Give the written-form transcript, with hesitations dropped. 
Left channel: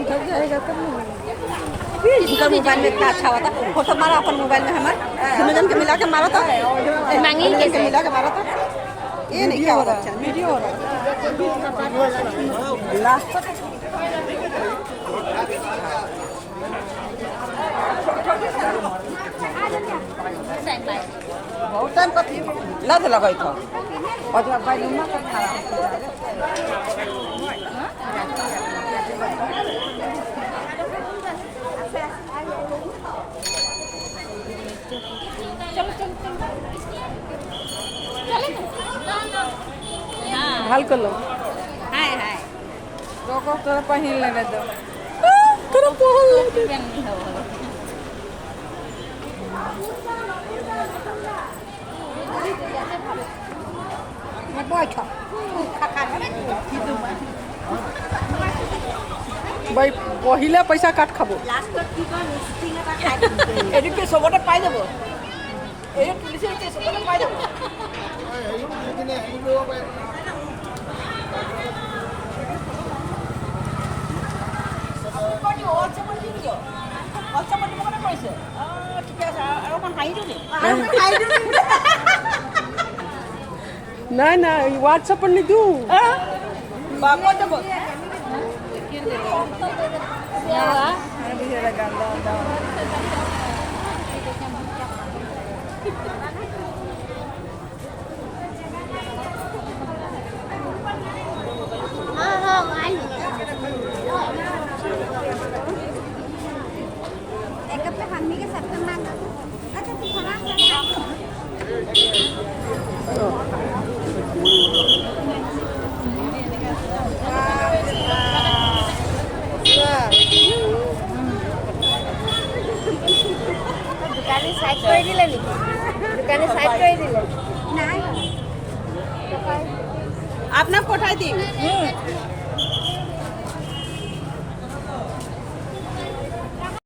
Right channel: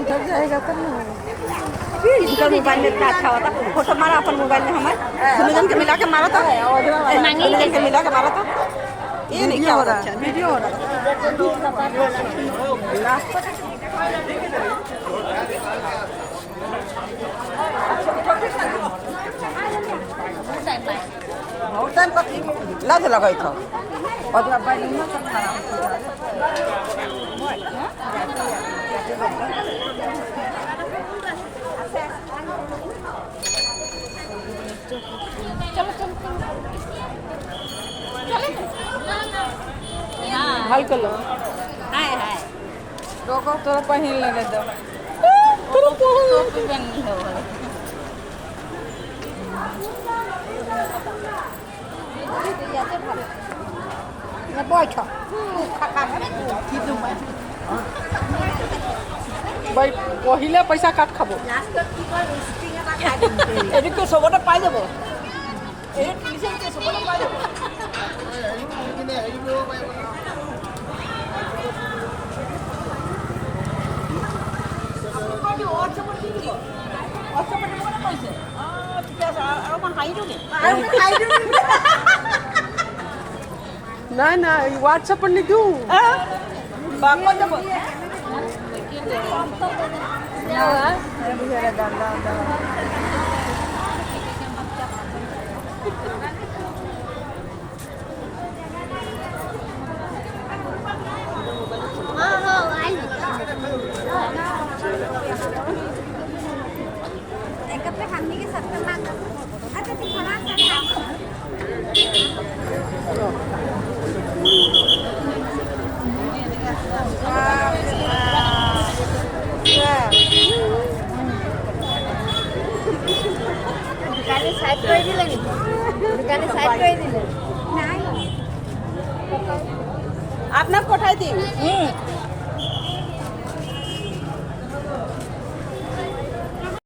उधर जाएगा तब ना। इनका मोबाइल में इतना अच्छा होता, फोटो मारा अपन मोबाइल में हमारे दोनों जन के मिला के मारा था, दोनों जन के मिला के मारा था। ये नहीं क्या हो रहा है, वीडियो हो रहा बहुत टाइम का लज लगा था और जब भाई लम्बा का खाना हल कर लो। हाय हाय रोको तो पहन लेने दो। ভাই পহিলে পইচা কাট খাব। এদিকে সবটা পাই যাব, এই পুলিশে সবটা পাই যাব। নাই নাই হোয়াটসঅ্যাপত নিদো। আপনার কোথায় দিন